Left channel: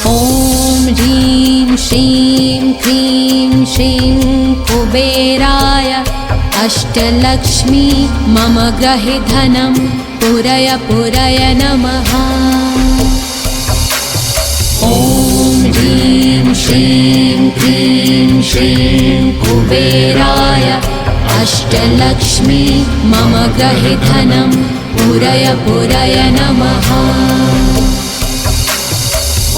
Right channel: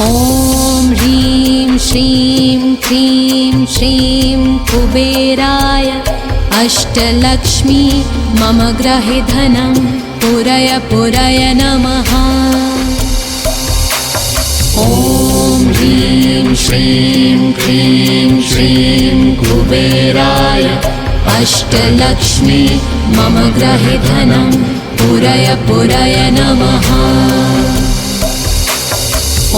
ॐ ह्रीं श्रीं क्रीं श्रीं कुबेराय अष्टलक्ष्मी मम गृहे धनं पुरय पुरय नमः। ॐ ह्रीं श्रीं क्रीं श्रीं कुबेराय अष्टलक्ष्मी मम गृहे धनं पुरय पुरय नमः।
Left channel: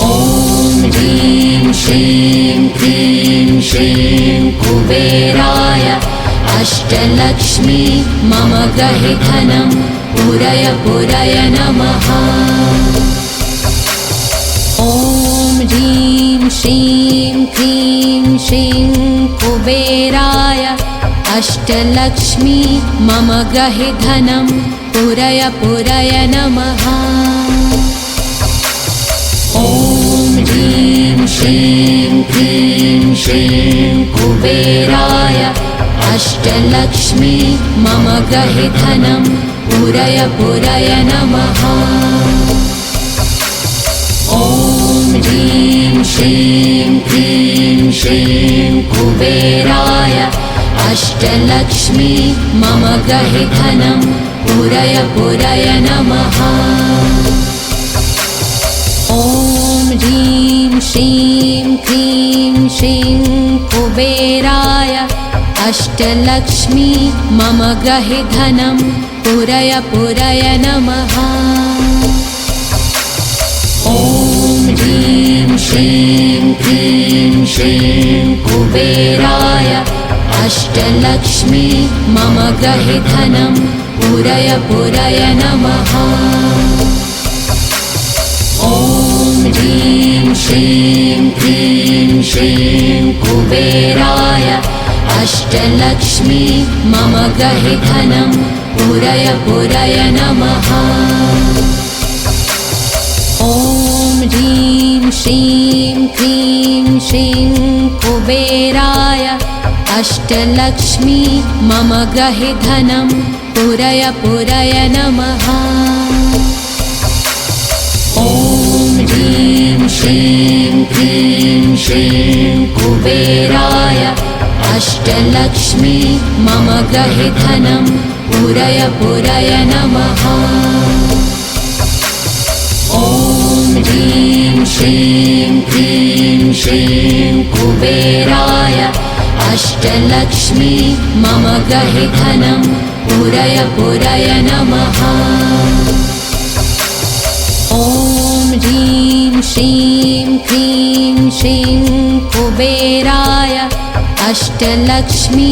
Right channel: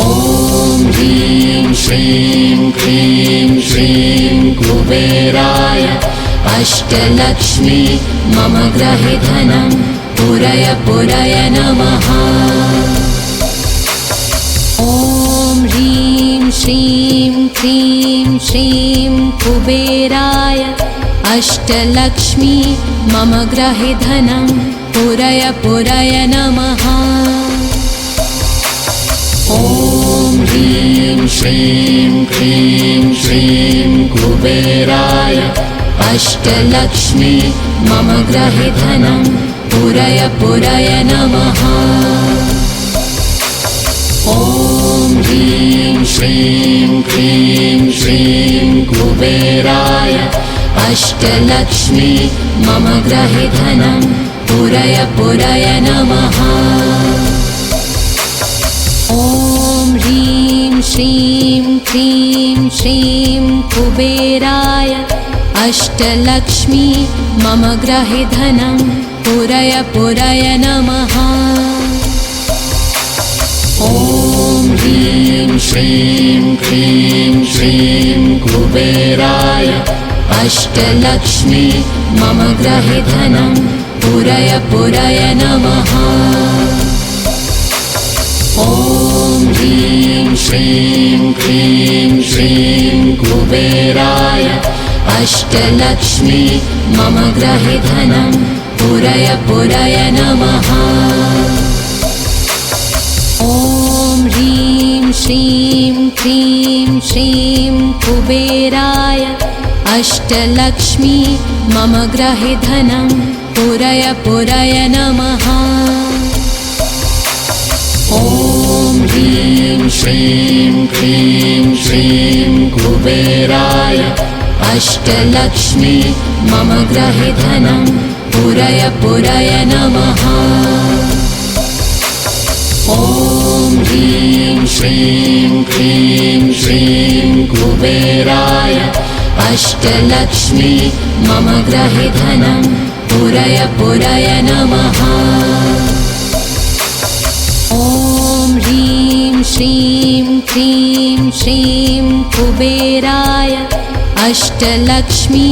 ॐ ह्रीं श्रीं क्रीं श्रीं कुबेराय अष्टलक्ष्मी मम गृहे धनं पुरय पुरय नमः। ॐ ह्रीं श्रीं क्रीं श्रीं कुबेराय अष्टलक्ष्मी मम गृहे धनं पुरय पुरय नमः। ॐ ह्रीं श्रीं क्रीं श्रीं कुबेराय अष्टलक्ष्मी मम गृहे धनं पुरय पुरय नमः। ॐ ह्रीं श्रीं क्रीं श्रीं कुबेराय अष्टलक्ष्मी मम गृहे धनं पुरय पुरय नमः। ॐ ह्रीं श्रीं क्रीं श्रीं कुबेराय अष्टलक्ष्मी मम गृहे धनं पुरय पुरय नमः। ॐ ह्रीं श्रीं क्रीं श्रीं कुबेराय अष्टलक्ष्मी मम गृहे धनं पुरय पुरय नमः। ॐ ह्रीं श्रीं क्रीं श्रीं कुबेराय अष्टलक्ष्मी मम गृहे धनं पुरय पुरय नमः। ॐ ह्रीं श्रीं क्रीं श्रीं कुबेराय अष्टलक्ष्मी मम गृहे धनं पुरय पुरय नमः। ॐ ह्रीं श्रीं क्रीं श्रीं कुबेराय अष्टलक्ष्मी मम गृहे धनं पुरय पुरय नमः। ॐ ह्रीं श्रीं क्रीं श्रीं कुबेराय अष्टलक्ष्मी मम गृहे धनं पुरय पुरय नमः। ॐ ह्रीं श्रीं क्रीं श्रीं कुबेराय अष्टलक्ष्मी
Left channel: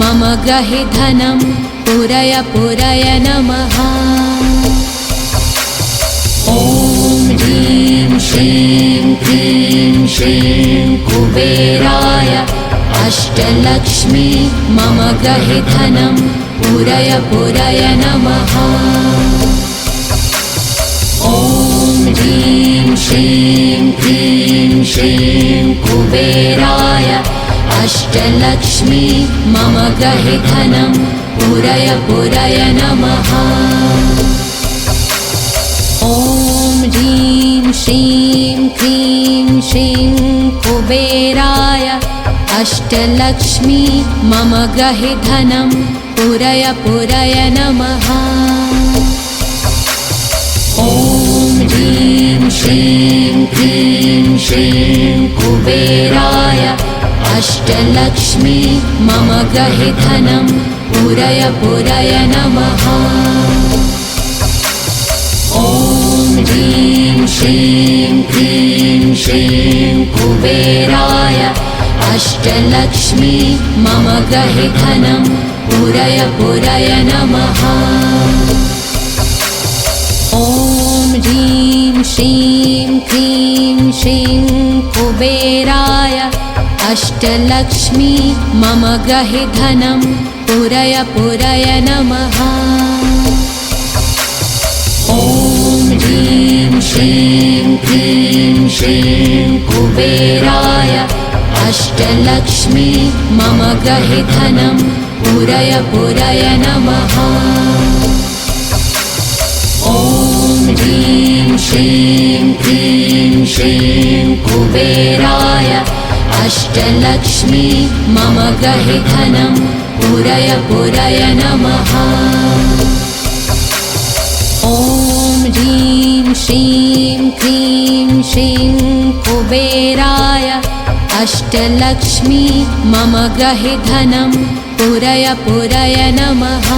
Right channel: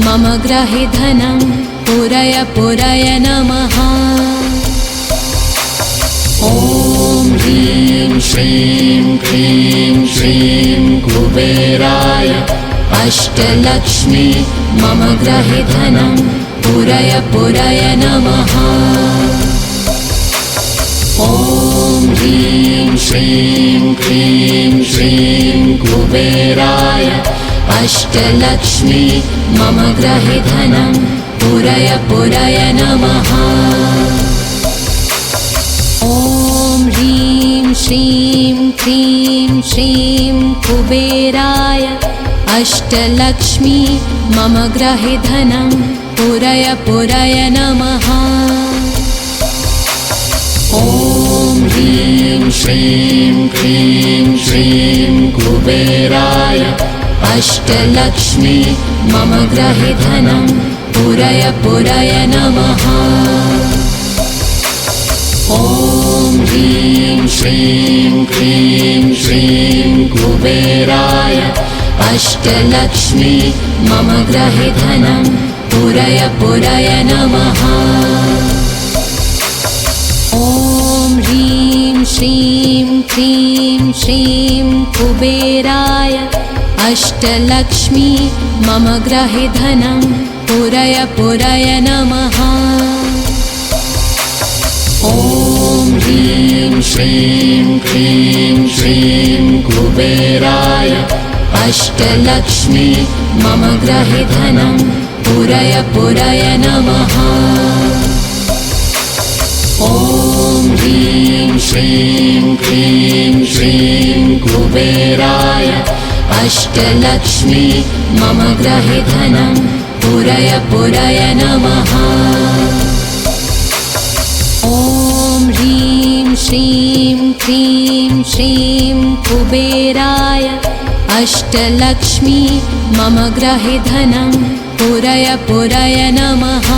मम गृहे धनं पुरय पुरय नमः। ॐ ह्रीं श्रीं क्रीं श्रीं कुबेराय अष्टलक्ष्मी मम गृहे धनं पुरय पुरय नमः। ॐ ह्रीं श्रीं क्रीं श्रीं कुबेराय अष्टलक्ष्मी मम गृहे धनं पुरय पुरय नमः। ॐ ह्रीं श्रीं क्रीं श्रीं कुबेराय अष्टलक्ष्मी मम गृहे धनं पुरय पुरय नमः। ॐ ह्रीं श्रीं क्रीं श्रीं कुबेराय अष्टलक्ष्मी मम गृहे धनं पुरय पुरय नमः। ॐ ह्रीं श्रीं क्रीं श्रीं कुबेराय अष्टलक्ष्मी मम गृहे धनं पुरय पुरय नमः। ॐ ह्रीं श्रीं क्रीं श्रीं कुबेराय अष्टलक्ष्मी मम गृहे धनं पुरय पुरय नमः। ॐ ह्रीं श्रीं क्रीं श्रीं कुबेराय अष्टलक्ष्मी मम गृहे धनं पुरय पुरय नमः। ॐ ह्रीं श्रीं क्रीं श्रीं अष्टलक्ष्मी मम गृहे धनं पूरय पूरय नमः। ॐ ह्रीं श्रीं क्लीं श्रीं कुबेराय अष्टलक्ष्मी मम गृहे धनं पूरय पूरय नमः।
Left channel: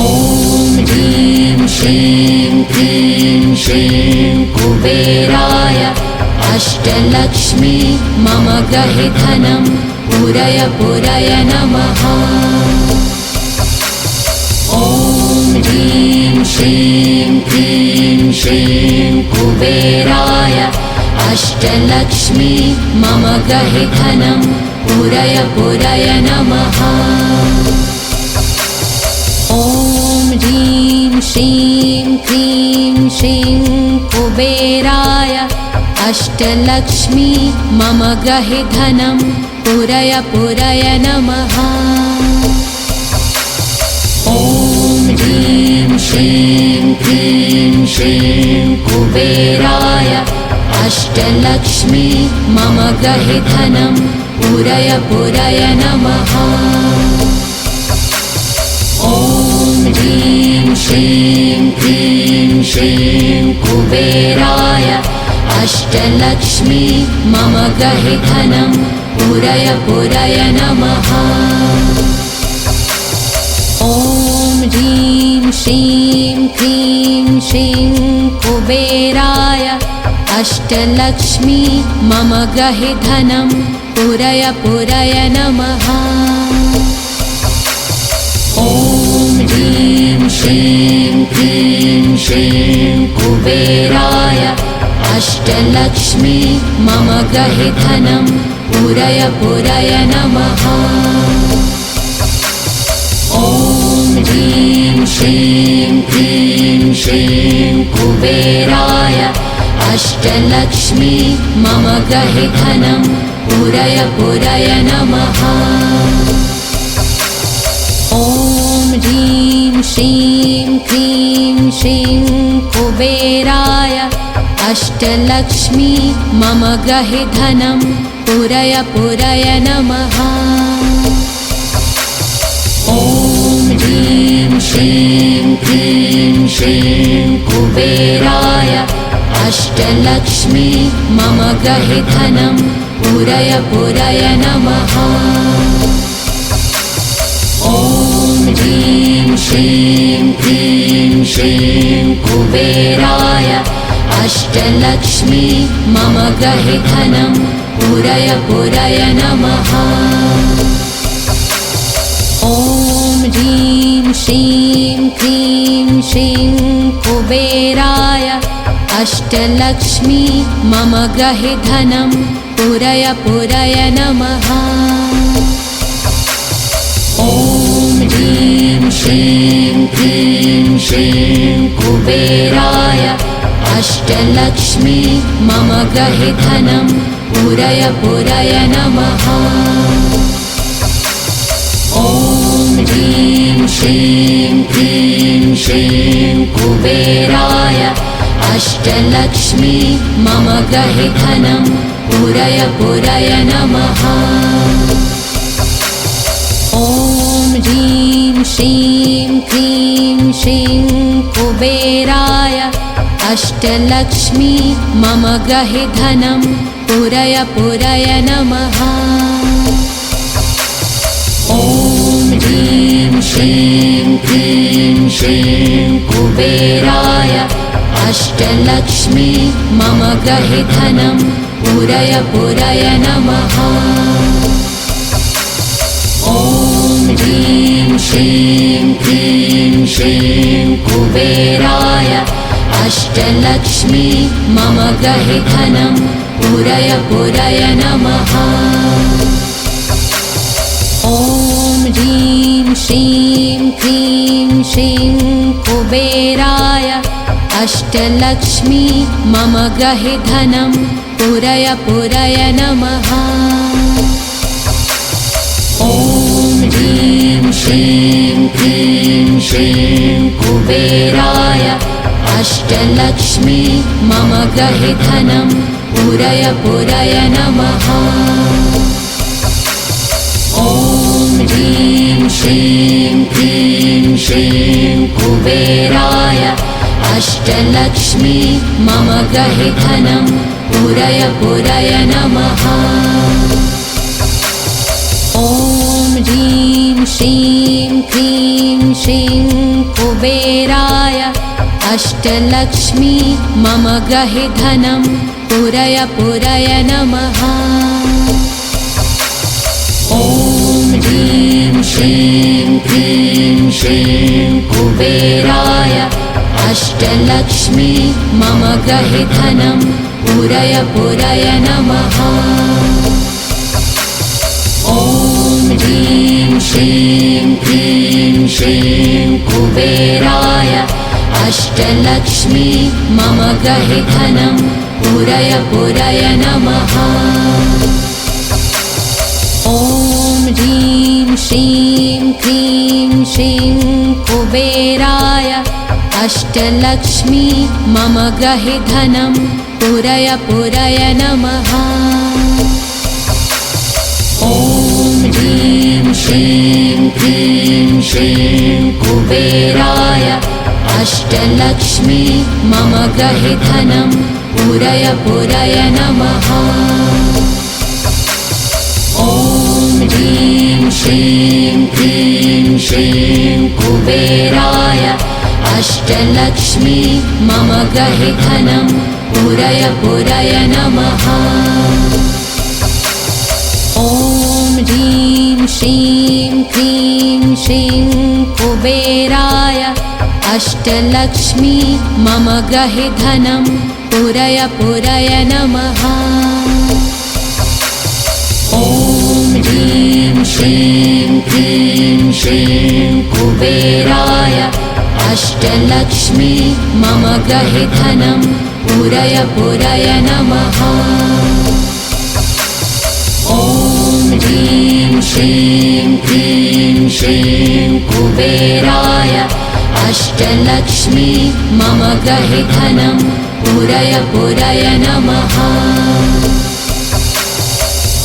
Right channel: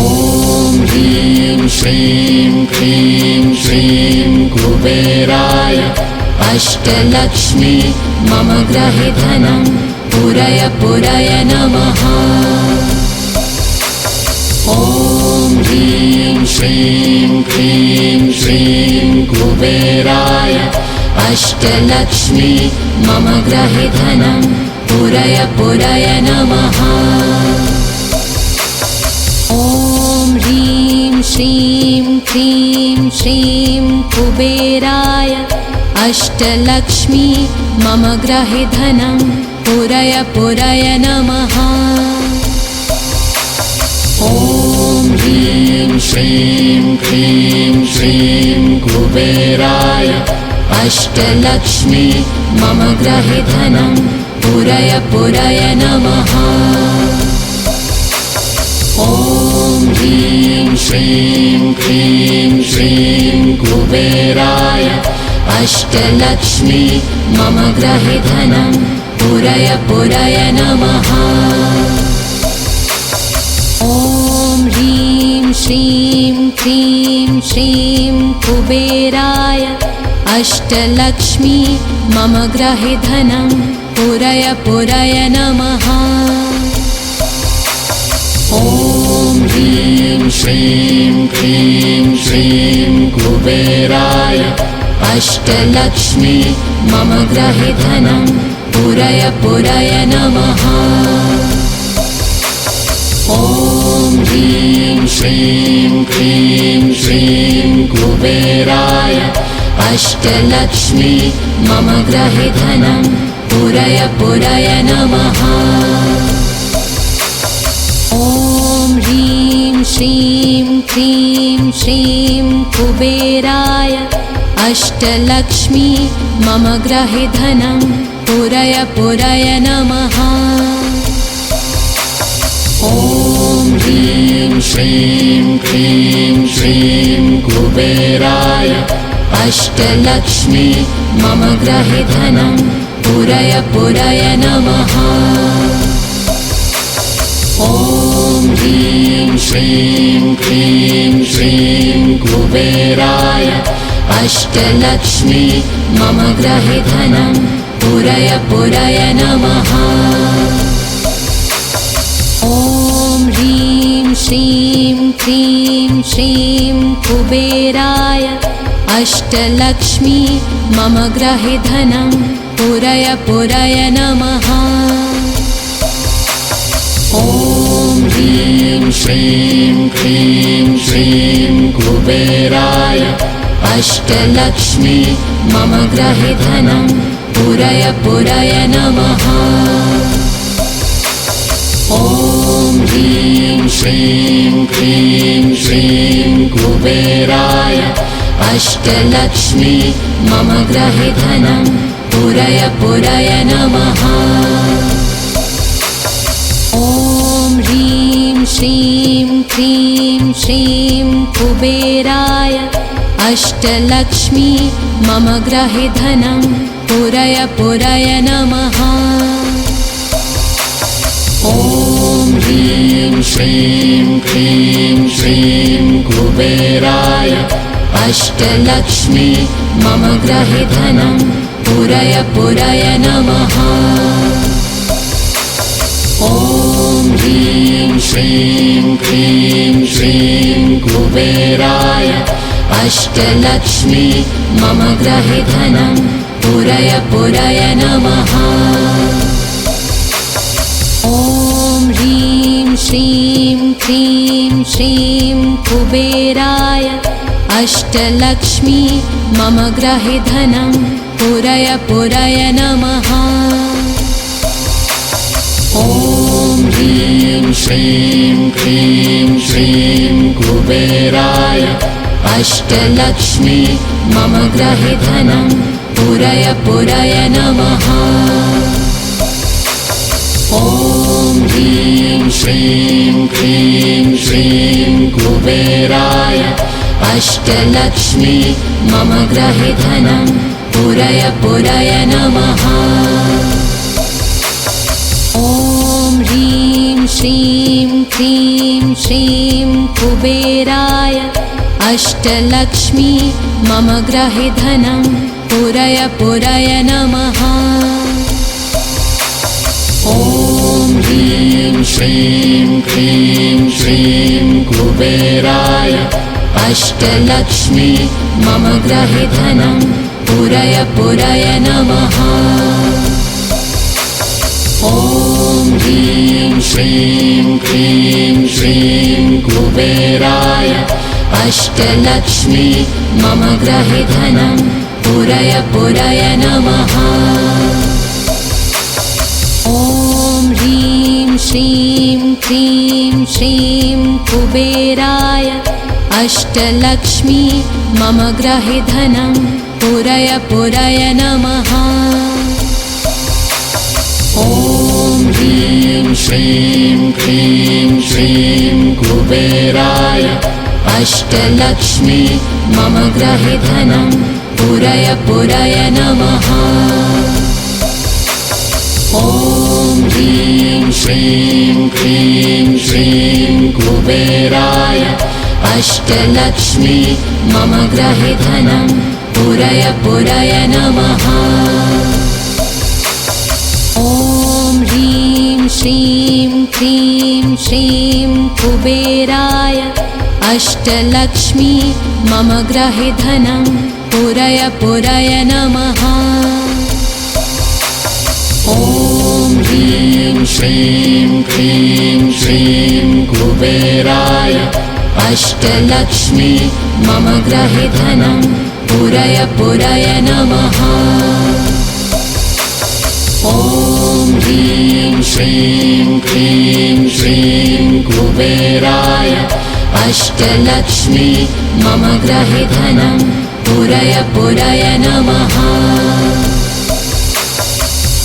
ॐ ह्रीं श्रीं क्लीं श्रीं कुबेराय अष्टलक्ष्मी मम गृहे धनं पूरय पूरय नमः। ॐ ह्रीं श्रीं क्लीं श्रीं कुबेराय अष्टलक्ष्मी मम गृहे धनं पूरय पूरय नमः। ॐ ह्रीं श्रीं क्लीं श्रीं कुबेराय अष्टलक्ष्मी मम गृहे धनं पूरय पूरय नमः। ॐ ह्रीं श्रीं क्लीं श्रीं कुबेराय अष्टलक्ष्मी मम गृहे धनं पूरय पूरय नमः। ॐ ह्रीं श्रीं क्लीं श्रीं कुबेराय अष्टलक्ष्मी मम गृहे धनं पूरय पूरय नमः। ॐ ह्रीं श्रीं क्लीं श्रीं कुबेराय अष्टलक्ष्मी मम गृहे धनं पूरय पूरय नमः। ॐ ह्रीं श्रीं क्लीं श्रीं कुबेराय अष्टलक्ष्मी मम गृहे धनं पूरय पूरय नमः। ॐ ह्रीं श्रीं क्लीं श्रीं कुबेराय अष्टलक्ष्मी मम गृहे धनं पूरय पूरय नमः। ॐ ह्रीं श्रीं क्लीं श्रीं कुबेराय अष्टलक्ष्मी मम गृहे धनं पूरय पूरय नमः। ॐ ह्रीं श्रीं क्लीं श्रीं कुबेराय अष्टलक्ष्मी मम गृहे धनं पूरय पूरय नमः। ॐ ह्रीं श्रीं क्लीं श्रीं कुबेराय अष्टलक्ष्मी मम गृहे धनं पूरय पूरय नमः। ॐ ह्रीं श्रीं क्लीं श्रीं कुबेराय अष्टलक्ष्मी मम गृहे धनं पूरय पूरय नमः। ॐ ह्रीं श्रीं क्लीं श्रीं कुबेराय अष्टलक्ष्मी मम गृहे धनं पूरय पूरय नमः। ॐ ह्रीं श्रीं क्लीं श्रीं कुबेराय अष्टलक्ष्मी मम गृहे धनं पूरय पूरय नमः। ॐ ह्रीं श्रीं क्लीं श्रीं कुबेराय अष्टलक्ष्मी मम गृहे धनं पूरय पूरय नमः। ॐ ह्रीं श्रीं क्लीं श्रीं कुबेराय अष्टलक्ष्मी मम गृहे धनं पूरय पूरय नमः। ॐ ह्रीं श्रीं क्लीं श्रीं कुबेराय अष्टलक्ष्मी मम गृहे धनं पूरय पूरय नमः। ॐ ह्रीं श्रीं क्लीं श्रीं कुबेराय अष्टलक्ष्मी मम गृहे धनं पूरय पूरय नमः। ॐ ह्रीं श्रीं क्लीं श्रीं कुबेराय अष्टलक्ष्मी मम गृहे धनं पूरय पूरय नमः। ॐ ह्रीं श्रीं क्लीं श्रीं कुबेराय अष्टलक्ष्मी मम गृहे धनं पूरय पूरय नमः। ॐ ह्रीं श्रीं क्लीं श्रीं कुबेराय अष्टलक्ष्मी मम गृहे धनं पूरय पूरय नमः। ॐ ह्रीं श्रीं क्लीं श्रीं कुबेराय अष्टलक्ष्मी मम गृहे धनं पूरय पूरय नमः। ॐ ह्रीं श्रीं क्लीं श्रीं कुबेराय अष्टलक्ष्मी मम गृहे धनं पूरय पूरय नमः। ॐ ह्रीं श्रीं क्लीं श्रीं कुबेराय अष्टलक्ष्मी मम गृहे धनं पूरय पूरय नमः। ॐ ह्रीं श्रीं क्लीं श्रीं कुबेराय अष्टलक्ष्मी मम गृहे धनं पूरय पूरय नमः। ॐ ह्रीं श्रीं क्लीं श्रीं कुबेराय अष्टलक्ष्मी मम गृहे धनं पूरय पूरय नमः। ॐ ह्रीं श्रीं क्लीं श्रीं कुबेराय अष्टलक्ष्मी मम गृहे धनं पूरय पूरय नमः। ॐ ह्रीं श्रीं क्लीं श्रीं कुबेराय अष्टलक्ष्मी मम गृहे धनं पूरय पूरय नमः। ॐ ह्रीं श्रीं क्लीं श्रीं कुबेराय अष्टलक्ष्मी मम गृहे धनं पूरय पूरय नमः।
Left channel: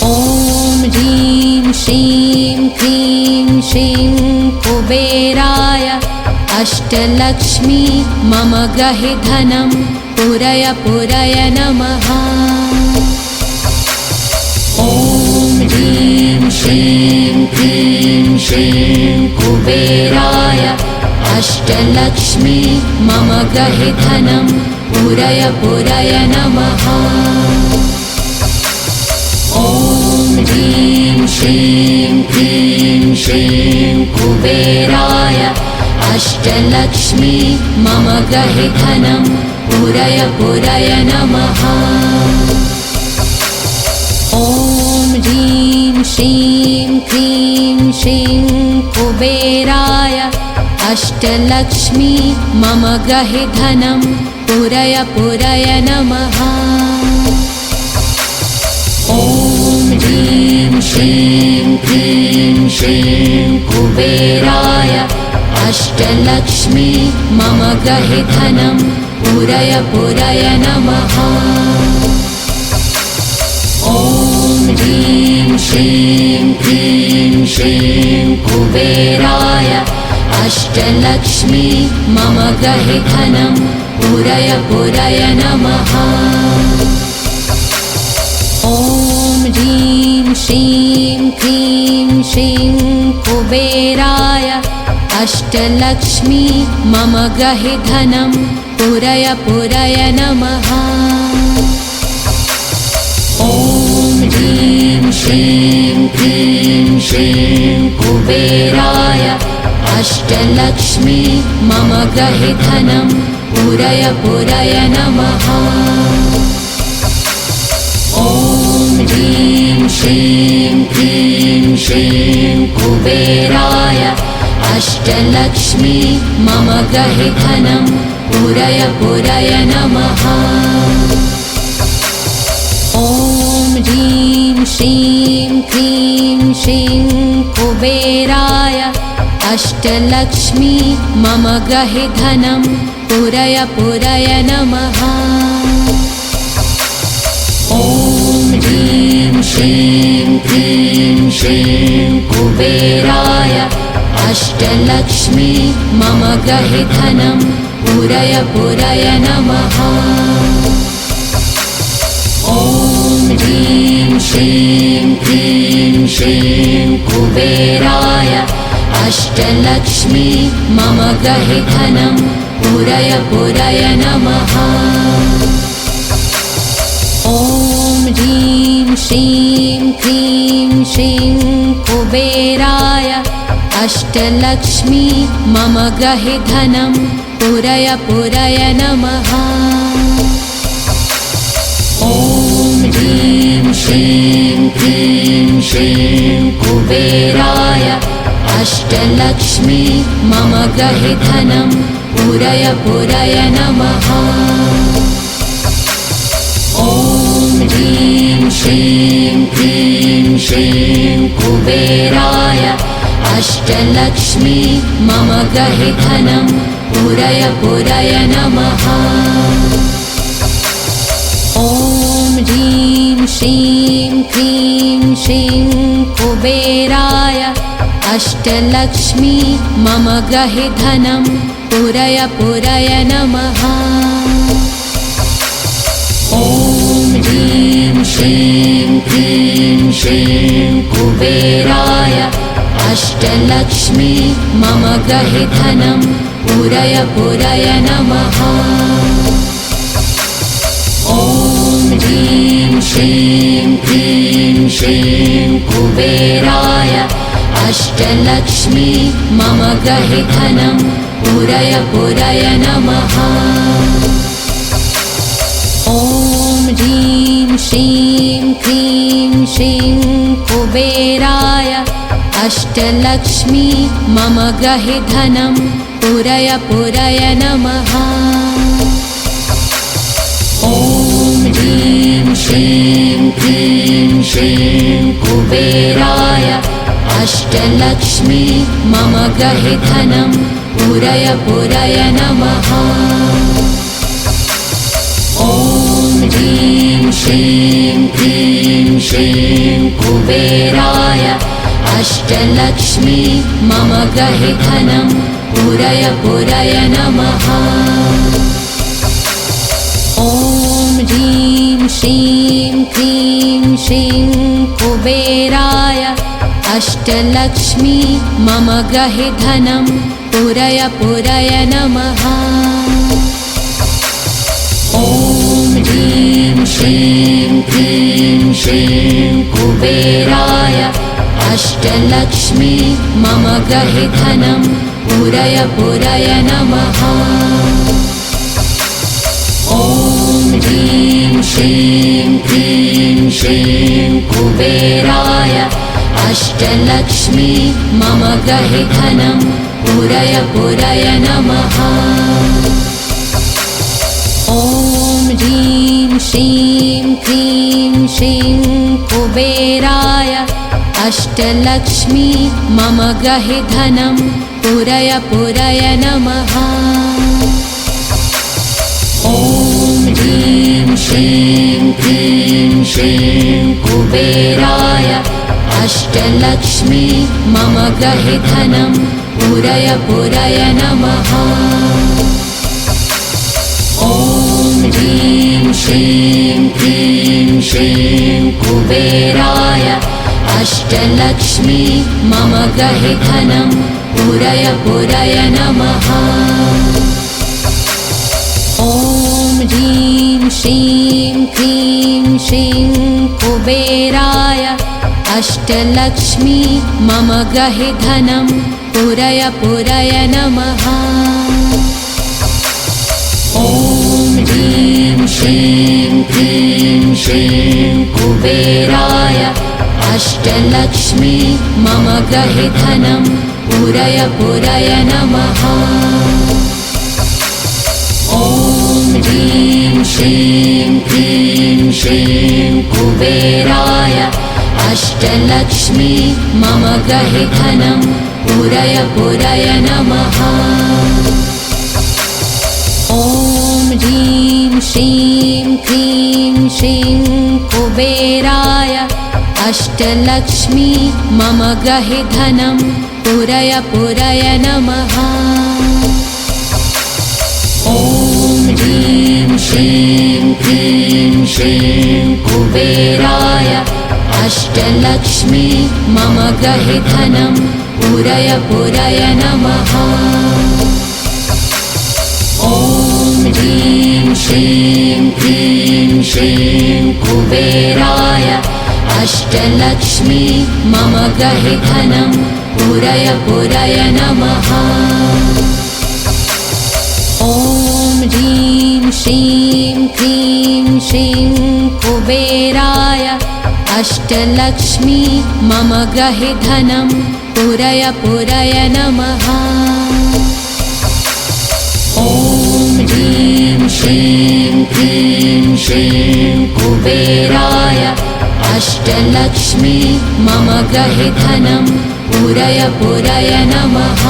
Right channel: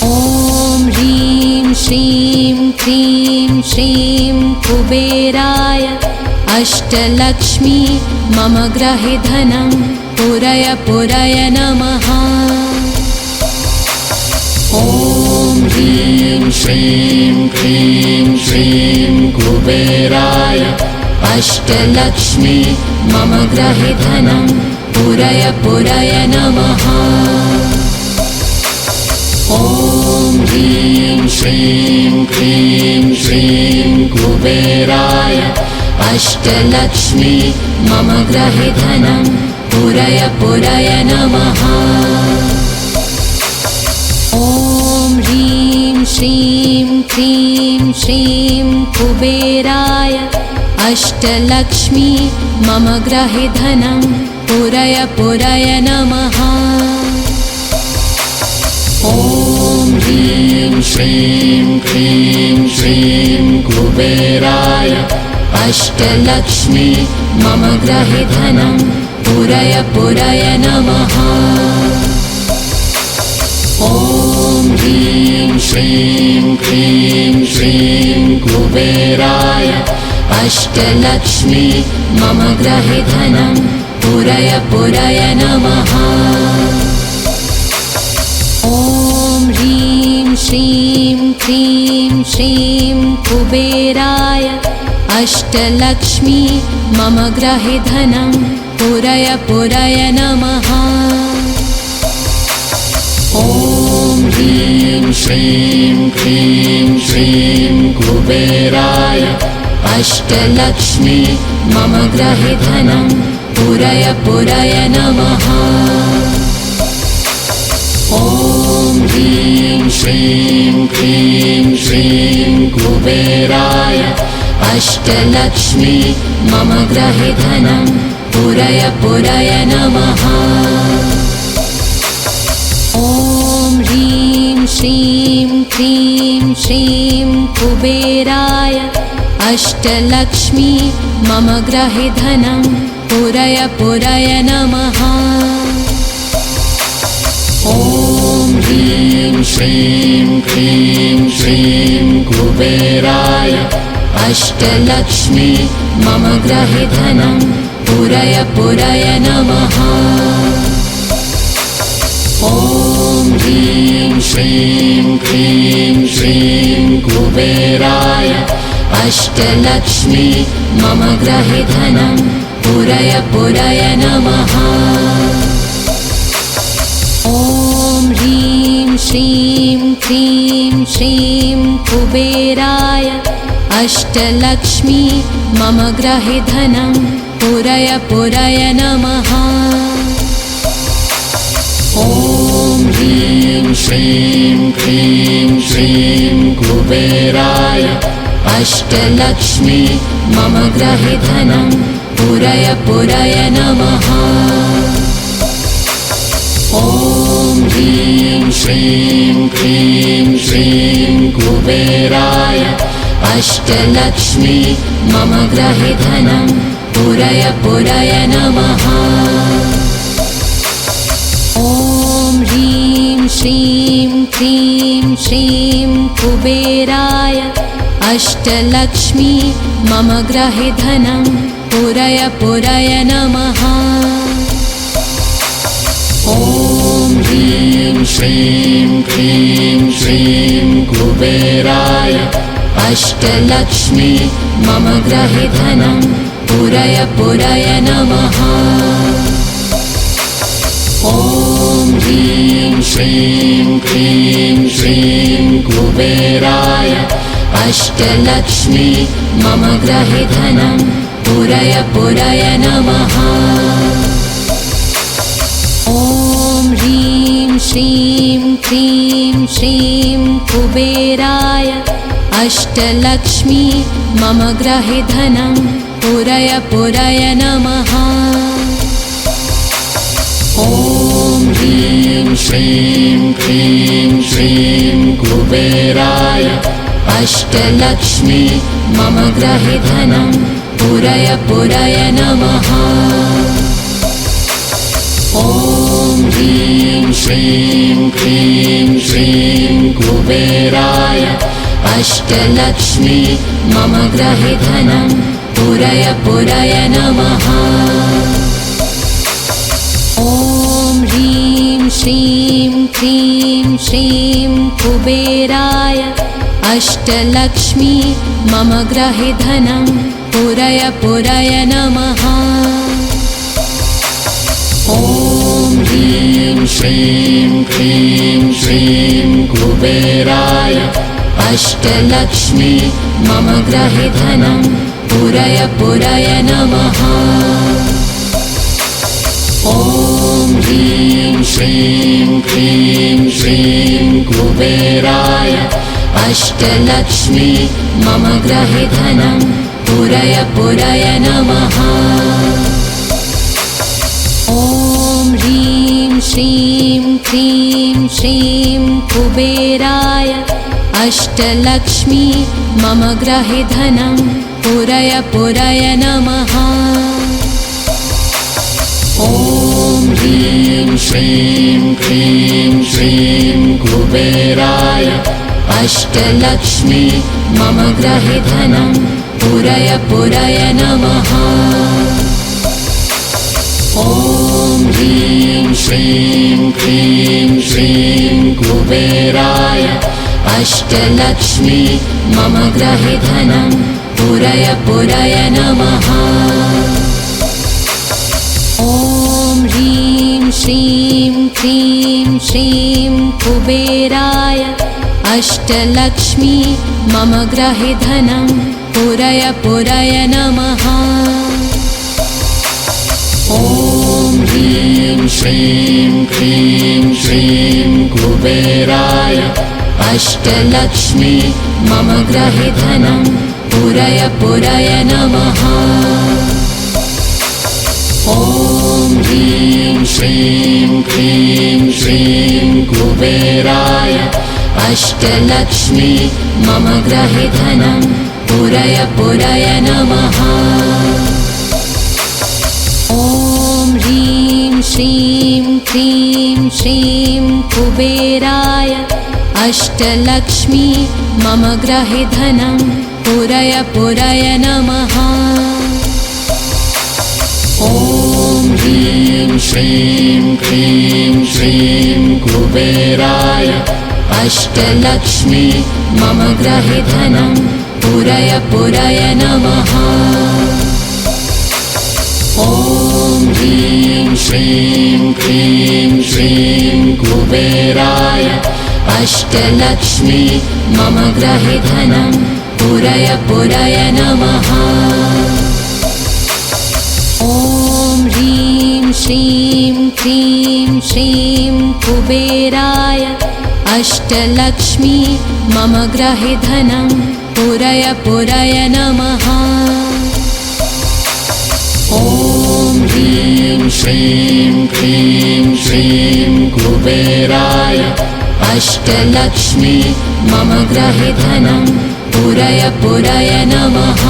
ॐ ह्रीं श्रीं क्लीं श्रीं कुबेराय अष्टलक्ष्मी मम गृहे धनं पूरय पूरय नमः। ॐ ह्रीं श्रीं क्लीं श्रीं कुबेराय अष्टलक्ष्मी मम गृहे धनं पूरय पूरय नमः। ॐ ह्रीं श्रीं क्लीं श्रीं कुबेराय अष्टलक्ष्मी मम गृहे धनं पूरय पूरय नमः। ॐ ह्रीं श्रीं क्लीं श्रीं कुबेराय अष्टलक्ष्मी मम गृहे धनं पूरय पूरय नमः। ॐ ह्रीं श्रीं क्लीं श्रीं कुबेराय अष्टलक्ष्मी मम गृहे धनं पूरय पूरय नमः। ॐ ह्रीं श्रीं क्लीं श्रीं कुबेराय अष्टलक्ष्मी मम गृहे धनं पूरय पूरय नमः। ॐ ह्रीं श्रीं क्लीं श्रीं कुबेराय अष्टलक्ष्मी मम गृहे धनं पूरय पूरय नमः। ॐ ह्रीं श्रीं क्लीं श्रीं कुबेराय अष्टलक्ष्मी मम गृहे धनं पूरय पूरय नमः। ॐ ह्रीं श्रीं क्लीं श्रीं कुबेराय अष्टलक्ष्मी मम गृहे धनं पूरय पूरय नमः। ॐ ह्रीं श्रीं क्लीं श्रीं कुबेराय अष्टलक्ष्मी मम गृहे धनं पूरय पूरय नमः। ॐ श्रीं क्लीं श्रीं कुबेराय अष्टलक्ष्मी मम गृहे धनं पूरय पूरय नमः। ॐ ह्रीं श्रीं क्लीं श्रीं कुबेराय अष्टलक्ष्मी मम गृहे धनं पूरय पूरय नमः। ॐ ह्रीं श्रीं क्लीं श्रीं कुबेराय अष्टलक्ष्मी मम गृहे धनं पूरय पूरय नमः। ॐ ह्रीं श्रीं क्लीं श्रीं कुबेराय अष्टलक्ष्मी मम गृहे धनं पूरय पूरय नमः। ॐ ह्रीं श्रीं क्लीं श्रीं कुबेराय अष्टलक्ष्मी मम गृहे धनं पूरय पूरय नमः। ॐ ह्रीं श्रीं क्लीं श्रीं कुबेराय अष्टलक्ष्मी मम गृहे धनं पूरय पूरय नमः। ॐ ह्रीं श्रीं क्लीं श्रीं कुबेराय अष्टलक्ष्मी मम गृहे धनं पूरय पूरय नमः। ॐ ह्रीं श्रीं क्लीं श्रीं कुबेराय अष्टलक्ष्मी मम गृहे धनं पूरय पूरय नमः। ॐ ह्रीं श्रीं क्लीं श्रीं कुबेराय अष्टलक्ष्मी मम गृहे धनं पूरय पूरय नमः। ॐ ह्रीं श्रीं क्लीं श्रीं कुबेराय अष्टलक्ष्मी मम गृहे धनं पूरय पूरय नमः। ॐ ह्रीं श्रीं क्लीं श्रीं कुबेराय अष्टलक्ष्मी मम गृहे धनं पूरय पूरय नमः। ॐ ह्रीं श्रीं क्लीं श्रीं कुबेराय अष्टलक्ष्मी मम गृहे धनं पूरय पूरय नमः। ॐ ह्रीं श्रीं क्लीं श्रीं कुबेराय अष्टलक्ष्मी मम गृहे धनं पूरय पूरय नमः। ॐ ह्रीं श्रीं क्लीं श्रीं कुबेराय अष्टलक्ष्मी मम गृहे धनं पूरय पूरय नमः। ॐ ह्रीं श्रीं क्लीं श्रीं कुबेराय अष्टलक्ष्मी मम गृहे धनं पूरय पूरय नमः। ॐ ह्रीं श्रीं क्लीं श्रीं कुबेराय अष्टलक्ष्मी मम गृहे धनं पूरय पूरय नमः। ॐ ह्रीं श्रीं क्लीं श्रीं कुबेराय अष्टलक्ष्मी मम गृहे धनं पूरय पूरय नमः। ॐ ह्रीं श्रीं क्लीं श्रीं कुबेराय अष्टलक्ष्मी मम गृहे धनं पूरय पूरय नमः। ॐ ह्रीं श्रीं क्लीं श्रीं कुबेराय अष्टलक्ष्मी मम गृहे धनं पूरय पूरय नमः। ॐ ह्रीं श्रीं क्लीं श्रीं कुबेराय अष्टलक्ष्मी मम गृहे धनं पूरय पूरय नमः। ॐ ह्रीं श्रीं क्लीं श्रीं कुबेराय अष्टलक्ष्मी मम गृहे धनं पूरय पूरय नमः। ॐ ह्रीं श्रीं क्लीं श्रीं कुबेराय अष्टलक्ष्मी मम गृहे धनं पूरय पूरय नमः। ॐ ह्रीं श्रीं क्लीं श्रीं कुबेराय अष्टलक्ष्मी मम गृहे धनं पूरय पूरय नमः। ॐ ह्रीं श्रीं क्लीं श्रीं कुबेराय अष्टलक्ष्मी मम गृहे धनं पूरय पूरय नमः। ॐ ह्रीं श्रीं क्लीं श्रीं कुबेराय अष्टलक्ष्मी मम गृहे धनं पूरय पूरय नमः।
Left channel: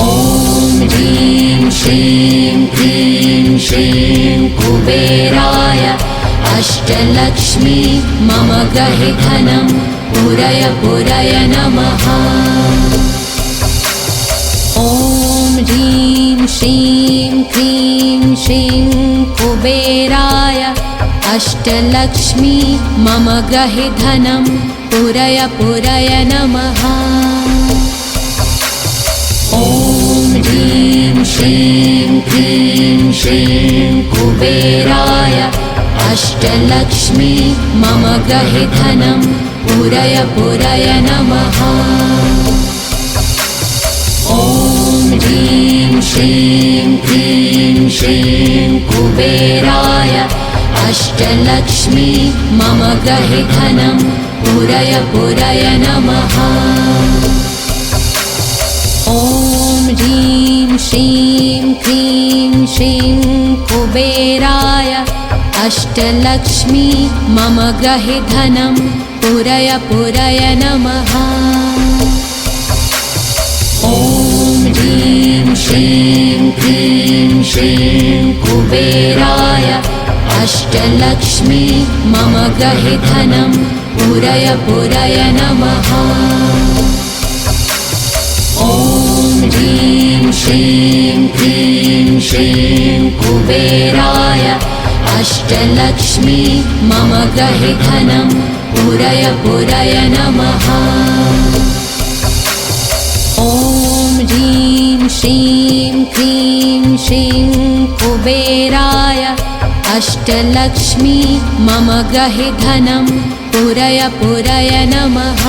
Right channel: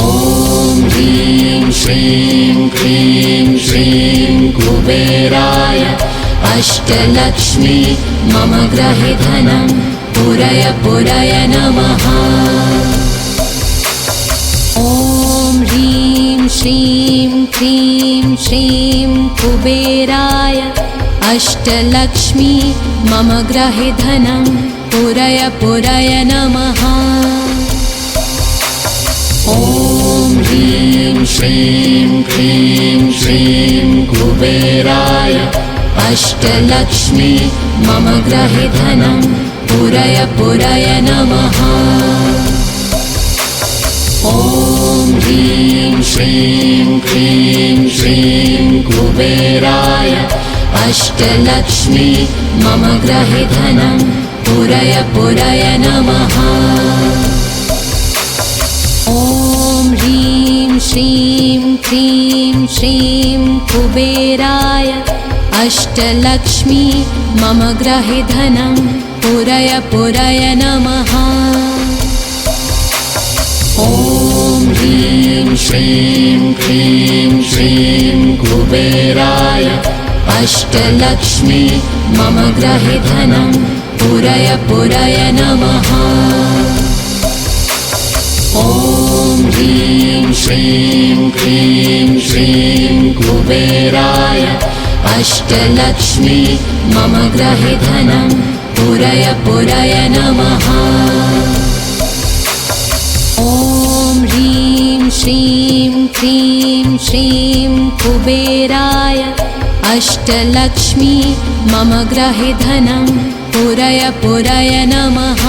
ॐ ह्रीं श्रीं क्लीं श्रीं कुबेराय अष्टलक्ष्मी मम गृहे धनं पूरय पूरय नमः। ॐ ह्रीं श्रीं क्लीं श्रीं कुबेराय अष्टलक्ष्मी मम गृहे धनं पूरय पूरय नमः। ॐ ह्रीं श्रीं क्लीं श्रीं कुबेराय अष्टलक्ष्मी मम गृहे धनं पूरय पूरय नमः। ॐ ह्रीं श्रीं क्लीं श्रीं कुबेराय अष्टलक्ष्मी मम गृहे धनं पूरय पूरय नमः। ॐ ह्रीं श्रीं क्लीं श्रीं कुबेराय अष्टलक्ष्मी मम गृहे धनं पूरय पूरय नमः। ॐ ह्रीं श्रीं क्लीं श्रीं कुबेराय अष्टलक्ष्मी मम गृहे धनं पूरय पूरय नमः। ॐ ह्रीं श्रीं क्लीं श्रीं कुबेराय अष्टलक्ष्मी मम गृहे धनं पूरय पूरय नमः। ॐ ह्रीं श्रीं क्लीं श्रीं कुबेराय अष्टलक्ष्मी मम गृहे धनं पूरय पूरय नमः।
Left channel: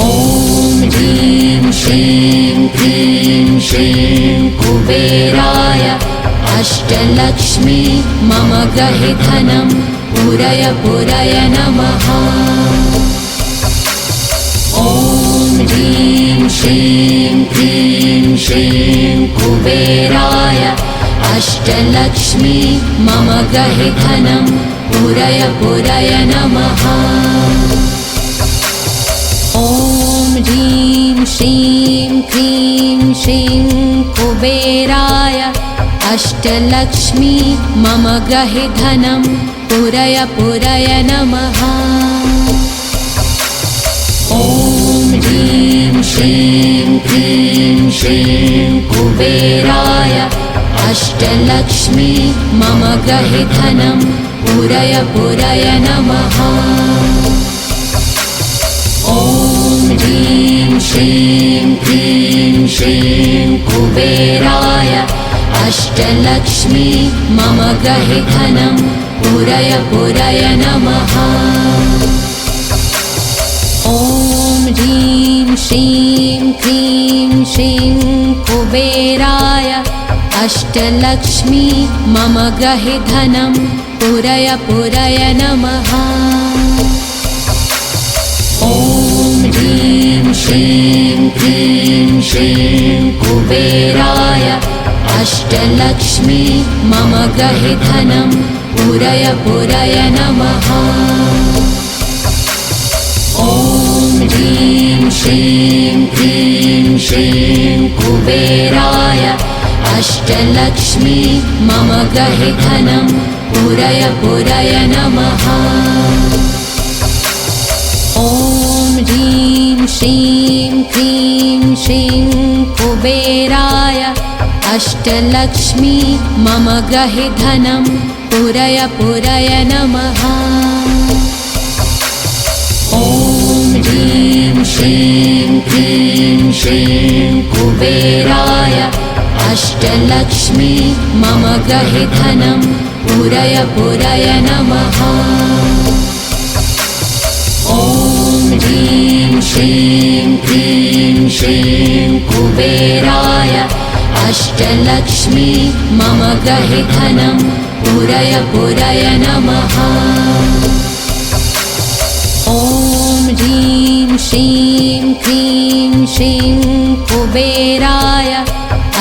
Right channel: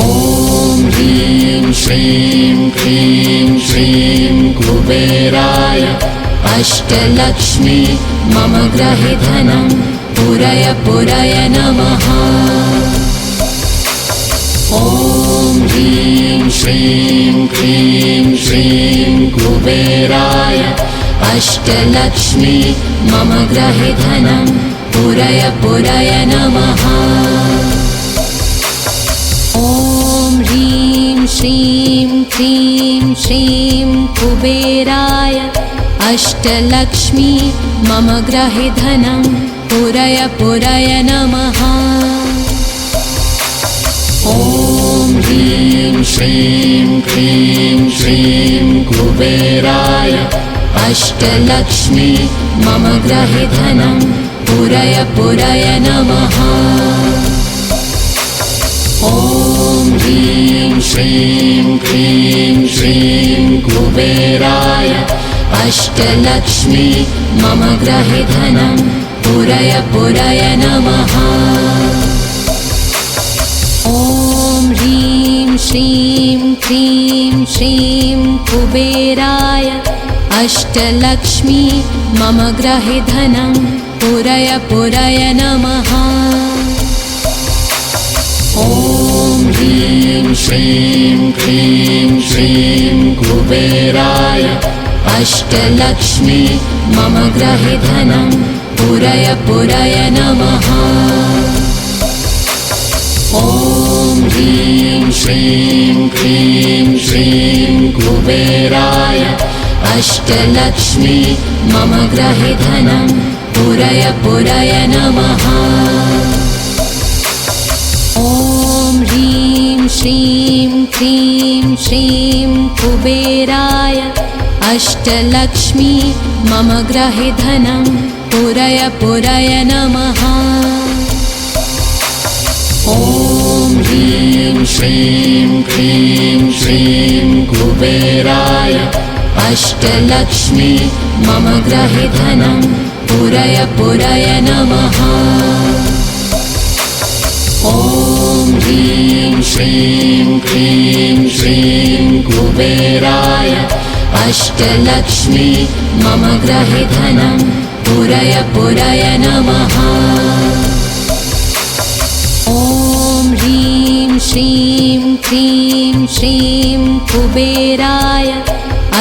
ॐ ह्रीं श्रीं क्लीं श्रीं कुबेराय अष्टलक्ष्मी मम गृहे धनं पूरय पूरय नमः। ॐ ह्रीं श्रीं क्लीं श्रीं कुबेराय अष्टलक्ष्मी मम गृहे धनं पूरय पूरय नमः। ॐ ह्रीं श्रीं क्लीं श्रीं कुबेराय अष्टलक्ष्मी मम गृहे धनं पूरय पूरय नमः। ॐ ह्रीं श्रीं क्लीं श्रीं कुबेराय अष्टलक्ष्मी मम गृहे धनं पूरय पूरय नमः। ॐ ह्रीं श्रीं क्लीं श्रीं कुबेराय अष्टलक्ष्मी मम गृहे धनं पूरय पूरय नमः। ॐ ह्रीं श्रीं क्लीं श्रीं कुबेराय अष्टलक्ष्मी मम गृहे धनं पूरय पूरय नमः। ॐ ह्रीं श्रीं क्लीं श्रीं कुबेराय अष्टलक्ष्मी मम गृहे धनं पूरय पूरय नमः। ॐ ह्रीं श्रीं क्लीं श्रीं कुबेराय अष्टलक्ष्मी मम ग्रहे धनं पूरय पूरय नमः। ॐ ह्रीं श्रीं क्लीं श्रीं कुबेराय अष्टलक्ष्मी मम ग्रहे धनं पूरय पूरय नमः। ॐ ह्रीं श्रीं क्लीं श्रीं कुबेराय अष्टलक्ष्मी मम ग्रहे धनं पूरय पूरय नमः। ॐ ह्रीं श्रीं क्लीं श्रीं कुबेराय अष्टलक्ष्मी मम ग्रहे धनं पूरय पूरय नमः। ॐ ह्रीं श्रीं क्लीं श्रीं कुबेराय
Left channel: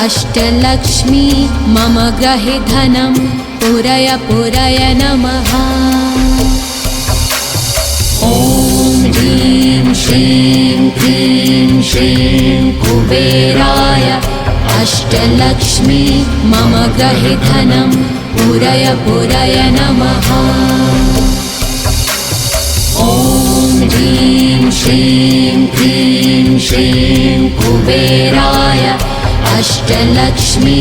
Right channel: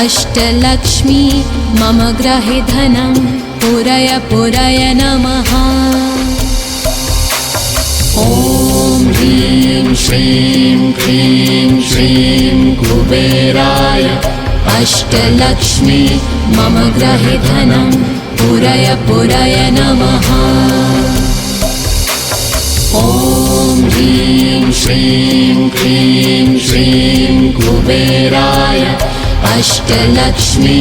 अष्टलक्ष्मी मम ग्रहे धनं पूरय पूरय नमः। ॐ ह्रीं श्रीं क्लीं श्रीं कुबेराय अष्टलक्ष्मी मम ग्रहे धनं पूरय पूरय नमः। ॐ ह्रीं श्रीं क्लीं श्रीं कुबेराय अष्टलक्ष्मी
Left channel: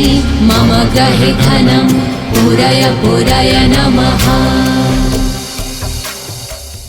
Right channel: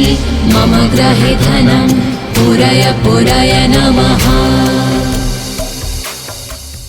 मम ग्रहे धनं पूरय पूरय नमः।